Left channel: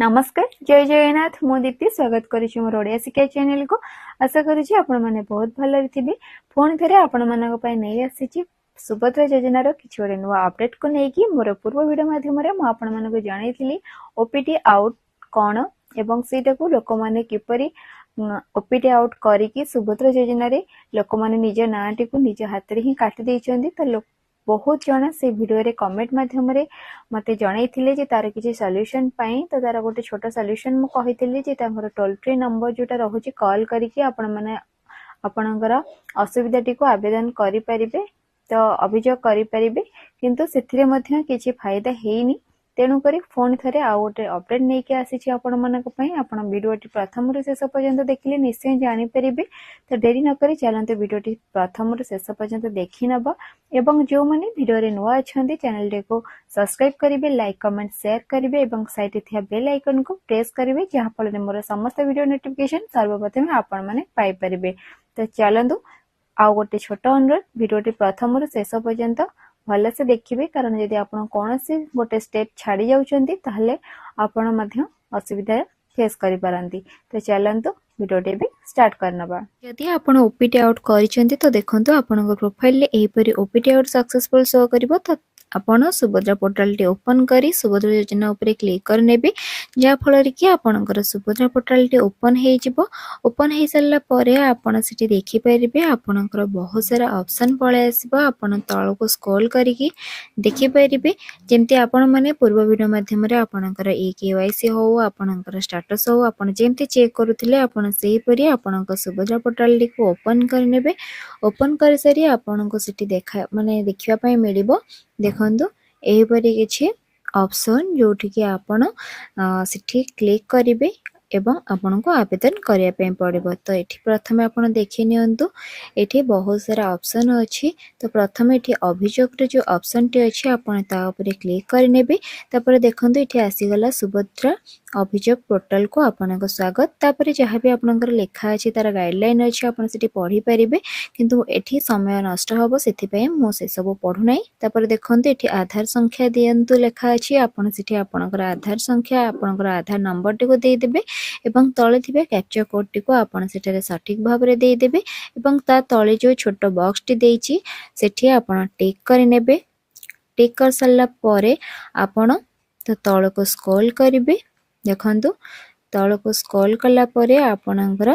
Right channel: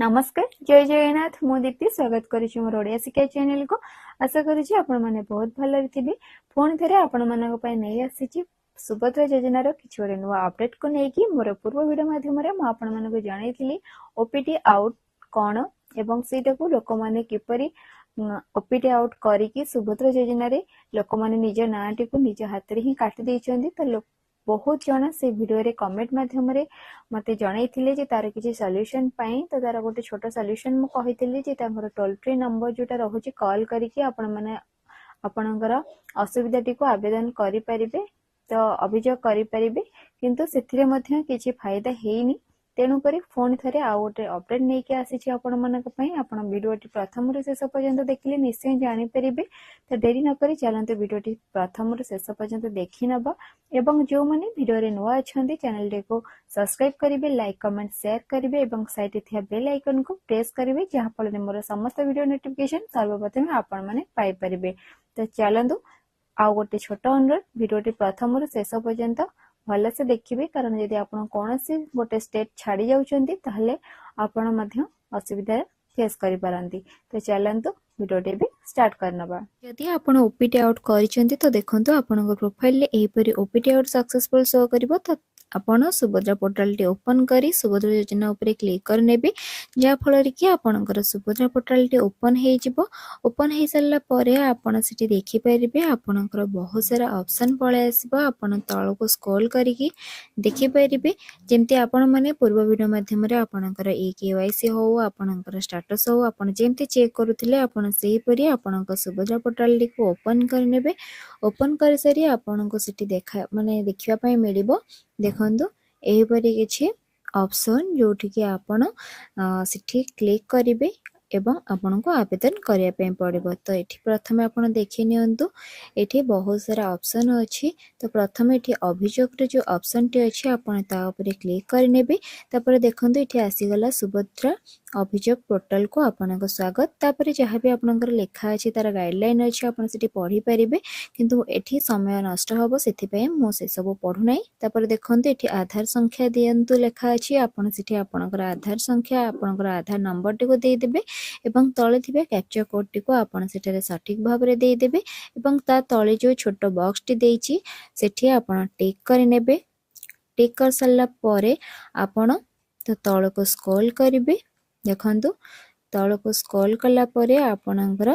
नमस्कार जय जगन्नाथ मु दीप्ति स्वागत करुच्ची मोर ओडिया शिक्षा चैनल को। आशा करुच्ची आपण माने बहुत भल थे। पुणी थे आपण मानक पई नहीं आसी सुभद्रा योजनार किछि गोटे नुआ अपडेट को लेकिन मोर पूर्व वीडियो माध्यम रे मु आपण मानक जणाइथिली ओपीटी आउट कौन एवं सेटा को लोक माने किपरि ओपीटी आउट करिकी सुभद्रा योजना रे लोक माने निज नाटी को निज हाथ रे ही काटि दैछन्ती। तो बहुत जन से वीडियो रे कमेंट माध्यम रे मते जणाइथिले जे तार किछि सॉल्यूशन पाई। तो तार गोटे छोट सॉल्यूशन मु कहिथिली जे तांकर टोल फ्री नंबर जोटा रहुची कॉल करिकी आपण माने आपणकर असुविधाटी को आवेदन करि परिबे। तो अभियोग करि परिबे किंतु सेथिरे मध्य किछि फायदा हेइनी। तेणु करी फोन थरे आ गोटे अपडेट नहीं के आसी आपण मानक पई। आपण वीडियोटी प्रथम रु शेष पर्यंत देखिले निश्चय जानि परिबे। तो देरी न करी चलंते वीडियोटी प्रथम रु शेष पर्यंत देखि नबा एवं जो माने वीडियो रे नुआ अछंती चैनल को सब्सक्राइब करिवे, लाइक कमेंट शेयर करिवे एवं साइड रे थिया बेल आइकन को प्रेस करिवे जहा फल मोर समस्त वीडियो नोटिफिकेशन सर्वप्रथम आपण माने पाई परिबे। तो चलंतु आ गोटे छोट अनुरोध वीडियोटी प्रथम रु शेष पर्यंत भल से देखिए, कारण यदि आप कौन सी गोटे स्टेप छाड़ी जाउछंती ताहले आपण मध्य असुविधा फेस करि पारंती। तो चलंतु वीडियोटी भी स्टार्ट करनबा। यदि आपण ओपीटी आउट करिसेंती तो देखंतु आपन प्रोफाइल रे एही परी ओपीटी आउट सक्सेसफुल शो करिवो। तो आपण सुभद्रा पोर्टल टी ओपन करी सुभद्रा योजना ऊपर क्लिक कर नेबे, जा फल कि आपणकर सुभद्रा पोर्टल टी ओपन हे जिवो। ओपन हे सारा परे आपण सिटी देखि परिबे आपणकर बहुत सारा ऑप्शन पळे आसीबो। आपण तळ को स्क्रॉल करिकि देखि परिबे जेमति आपण माने पूर्व वीडियो माध्यम रे आपणकर ई केवाईसी हो आपणकर स्टेटस हो आपण जेमति चेक करूथिले आपण सेही परी आपणकर सुभद्रा पोर्टल टी को ओपन कर नेबे। ओपन कर सारी आपणको सिटी देखा माने देखिबा पई मिलिबो। देखंतु एही परी किछि ऑप्शन जोठी कि आपण सिटी क्लिक करिवे एवं आपन को आवेदन करिया पे पड़िबो। तो एठी प्रथमे आपण देखि नियंतु एठी बहुत सारा ऑप्शन अछि। तो प्रथमे एठी अभियोग रे जो ऑप्शन टी अछि आपण ता ऊपर क्लिक कर नेबे। तापर देखंतु एठी आसी गला सुभद्रा अभियोग पोर्टल को आपण को स्वागत। तापर जहा भी आपनकर लेखा अछि तार गाइडलाइन अछि आपण सिटी पढी परिबे, किंतु एठी समय नष्ट हबो सेथि पय मो से सब पढु नै। तापर देखंतु एठी आधार संख्या दियंतु लेखा अछि आपण सिटी आपनकर आधार संख्या आपनकर आधार नंबर टी को दे देबे एवं तळे थिबे कैप्चा कोड टी को आपण सेटारे सठिक भाव रे दे देबे एवं ता तळे जो छोटो बॉक्स टी देइछि सेठी आपण टिक कर नेबे। टिक कर सल्ला परे आपण तो तळ को स्क्रॉल करिवे। देखंतु तळ को स्क्रॉल कला परे आपणकर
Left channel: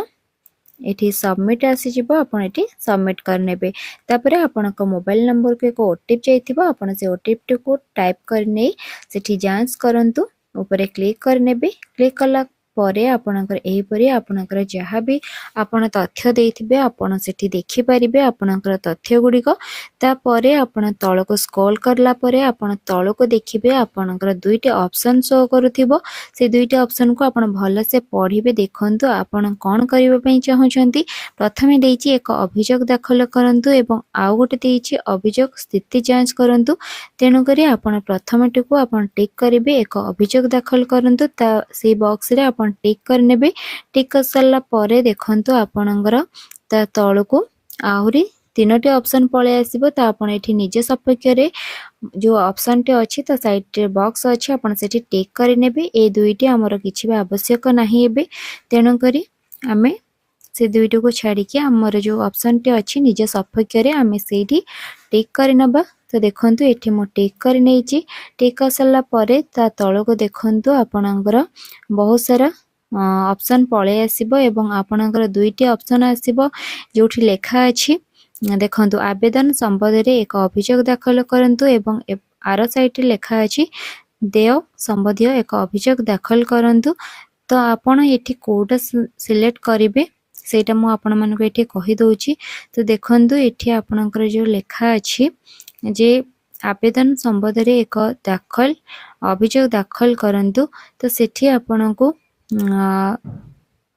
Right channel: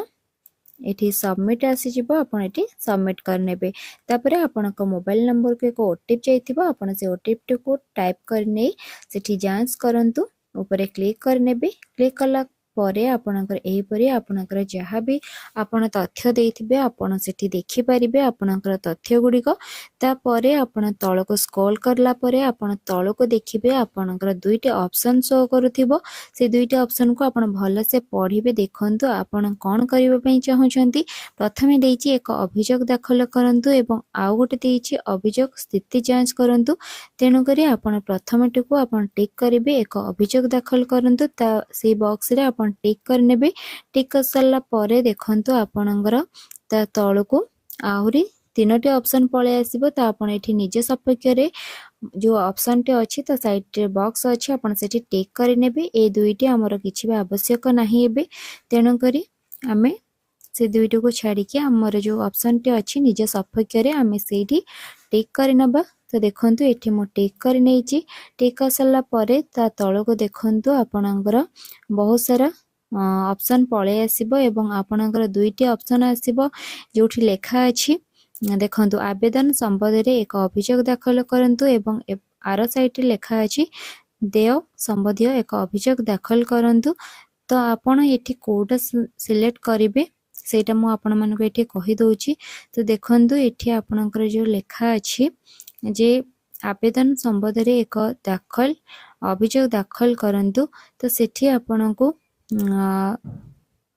एठी सबमिट आसी जिवो, आपण एठी सबमिट कर नेबे। तापरे आपनक मोबाइल नंबर को एक ओटीपी जाइथिबो, आपण से ओटीपी को टाइप कर नै सेठी जांच करंतु ऊपर क्लिक कर नेबे। क्लिक कला परे आपनकर एही परी आपनकर जहा भी आपण तथ्य देथिबे आपण सेठी देखि परिबे आपनकर तथ्य गुडी को। ता परे आपण तळ को स्क्रॉल करला परे आपण तळ को देखिबे आपनकर दुईटी ऑप्शन शो करूथिबो। से दुईटी ऑप्शन को आपण भल से पढिबे। देखंतु आपण कोन करिबा पई चाहुचंती। प्रथमे देइछि एक अभियोग दाखल करंतु एवं आउ गोटे देइछि अभियोग स्थिति जांच करंतु। तेनु करी आपण प्रथमटी को आपण टिक करिबे एक अभियोग दाखल करंतु। ता से बॉक्स रे आपण टिक कर नेबे। टिक कर सल्ला परे देखंतु आपणकर ता तळ को आहुरी तीनोटी ऑप्शन पळे आसीबो। तो आपण एठी निज सपेक्ष रे जो ऑप्शन टे अछि तो साइड रे बॉक्स अछि आपण सेठी टिक कर नेबे। ए दुईटी हमर किछि भी आवश्यक नाही एबे, तेनु करी आमे से दुईटी को छाड़ी के हमर जो ऑप्शन टे अछि निज सपेक्ष रे आमे सेठी टिक कर नबा। तो देखंतु एठी मो टिक कर नेछि। टिक कर सल्ला परे ता तळ को देखंतु आपणकर बहुत सारा ऑप्शन पळे आसीबो एवं आपणकर दुईटी ऑप्शन आसीबो जोठी लेखा अछि। देखंतु आवेदन संबंध रे एक अभियोग दाखल करंतु एवं आर साइट रे लेखा अछि देय संबंधी एक अभियोग दाखल करंतु। तो आपण एठी कोडा सिलेक्ट करिवे सेटा मु आपण मानको एठी कहि दोछि। तो देखंतु एठी आपणकर जो लेखा अछि जे आवेदन संबंध रे एक दाखल अभियोग दाखल करंतु। तो सेठी आपनको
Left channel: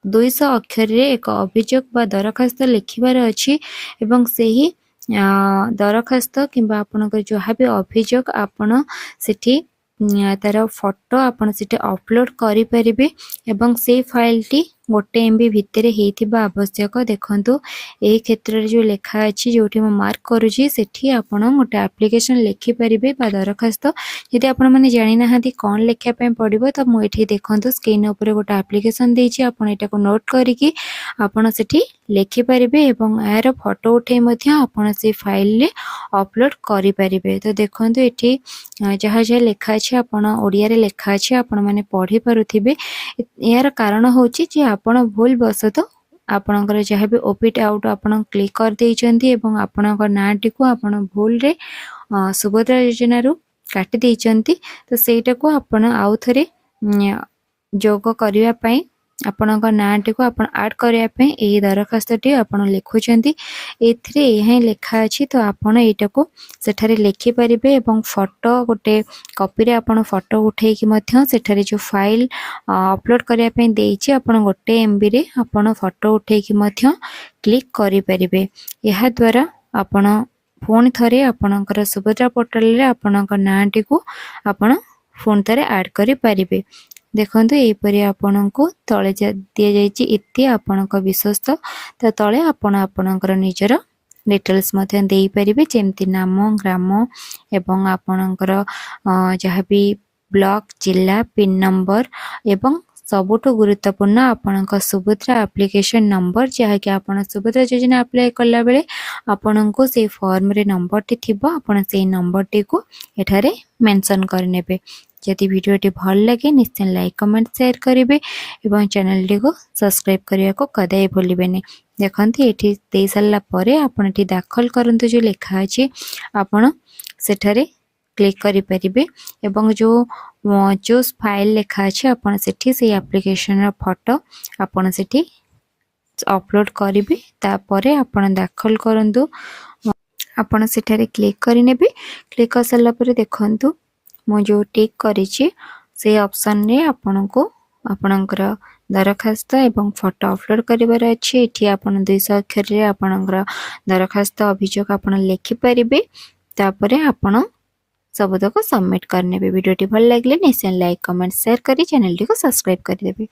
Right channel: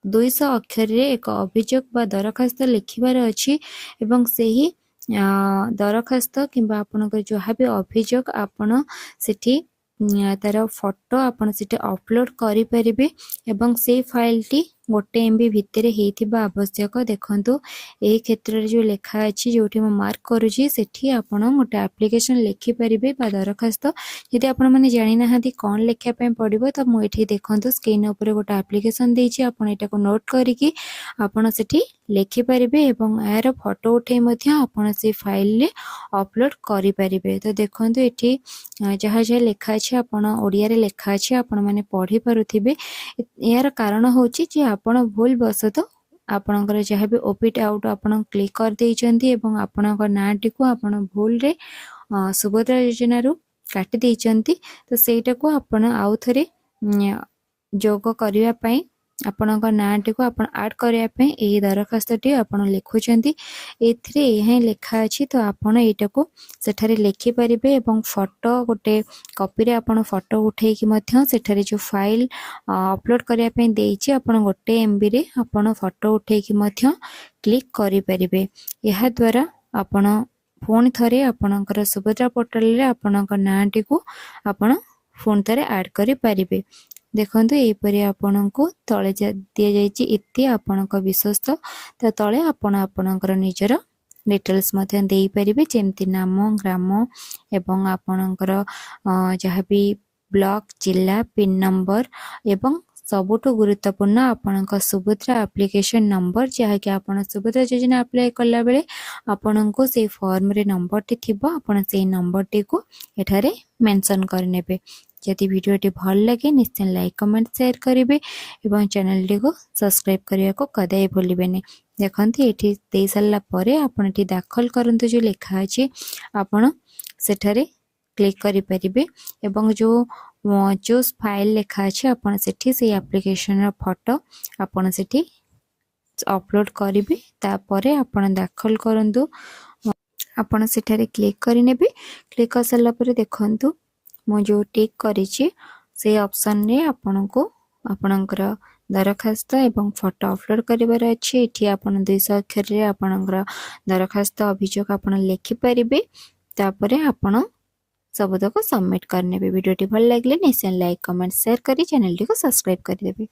200 अक्षर रे एक अभियोग बा दरखास्त लिखिबार अछि एवं सेही दरखास्त किंबा आपनकर जहा भी अभियोग आपण सेठी तार फोटो आपण सेठी अपलोड करि परिबे एवं से फाइल टी गोटे एमबी भितर होइथिबा आवश्यक। देखंतु एही क्षेत्र रे जो लेखा अछि जोठी म मार्क करूची सेठी आपण गोटे एप्लिकेशन लिखि परिबे बा दरखास्त। यदि आपण माने जानि नाहांती कोन लेखिया पय पड़िबो त मु एठी देखंतु स्क्रीन ऊपर गोटे एप्लिकेशन देइची। आपण एटा को नोट करिकि आपण सेठी लिखि परिबे एवं यार फोटो उठे मध्य आपण से फाइल रे अपलोड करि परिबे। तो देखंतु एठी जहा जहा लेखा अछि आपण ओडिया रे लेखा अछि आपण माने पढ़ी पारुथिबे। यार कारण होची जे आपण भूल बसत आपणकर जहाँ भी ओपिट आउट आपण क्लिक कर देइचंती एवं आपणकर नाटी को आपण भूल रे सुभद्रा योजना रु काटी देइचंती। तो सेटा को आपण आउ थरे जोग करिया पई आपणक नाटी को आपण ऐड करिया पई ए दरखास्तटी आपण लिखुचंती। एथिरे एहे लेखा अछि तो आपण एटा को सेठारे लिखि परिबे एवं फोटो गोटे कॉपी रे आपण फोटो उठेई कि मध्य सेठारे जो फाइल अपलोड करिया पई देइची आपण गोटे एमबी रे आपण फोटो उठेई कि मध्य क्लिक करि परिबे। एहा द्वारा आपण फोन थरे आपणकर सुभद्रा पोर्टल रे आपणक नाटी को आपण फोन थरे ऐड करि परिबे। देखंतु एपरि आपणको तळे दिया जायछि इति आपणक विश्वस्त त तळे आपण आपणकर निजर डिटेल्स मध्य देई परिबे जेमति नाम ग्राम एवं आपणकर जहाँ भी ब्लॉक जिला पिन नंबर एवं सबुठु गुरुत्वपूर्ण आपणक सुभद्रा एप्लिकेशन नंबर जहाँ कि आपण सुभद्रा योजना अप्लाई कला बेले आपणको से फॉर्म रे नंबर टी थिबो आपण से नंबर टी को एठारे मेंशन करनेबे। यदि वीडियोटी भल लगे निश्चय लाइक कमेंट शेयर करेंगे एवं चैनल टी को सब्सक्राइब करने को कदाई भूलिबेनी। देखंती एठी दे सारला परे आपण एठी दाखल करंतु जो लेखा अछि आपण सेठारे क्लिक करि परिबे एवं जो फाइल लेखा अछि आपण सेठी से एप्लिकेशन रा फोटो आपण सेठी अपलोड करिबे। तापरे आपण दाखल करंतु आपण सेठारे क्लिक करि नेबे। क्लिक कर सारला परे देखंतु मु जो टिक करिछि से ऑप्शन रे आपनको आपनकर दरखास्त एवं फोटो अपलोड करिवार अछि। एठी आपण 200 अक्षर रे आपनकर दरखास्त अभियोग आपण लिखि परिबे। तापरे आपण सबतक सबमिट करनेबे। वीडियोटी भल लागले निश्चय लाइक कमेंट शेयर करी चैनल टी को सब्सक्राइब कर देबे।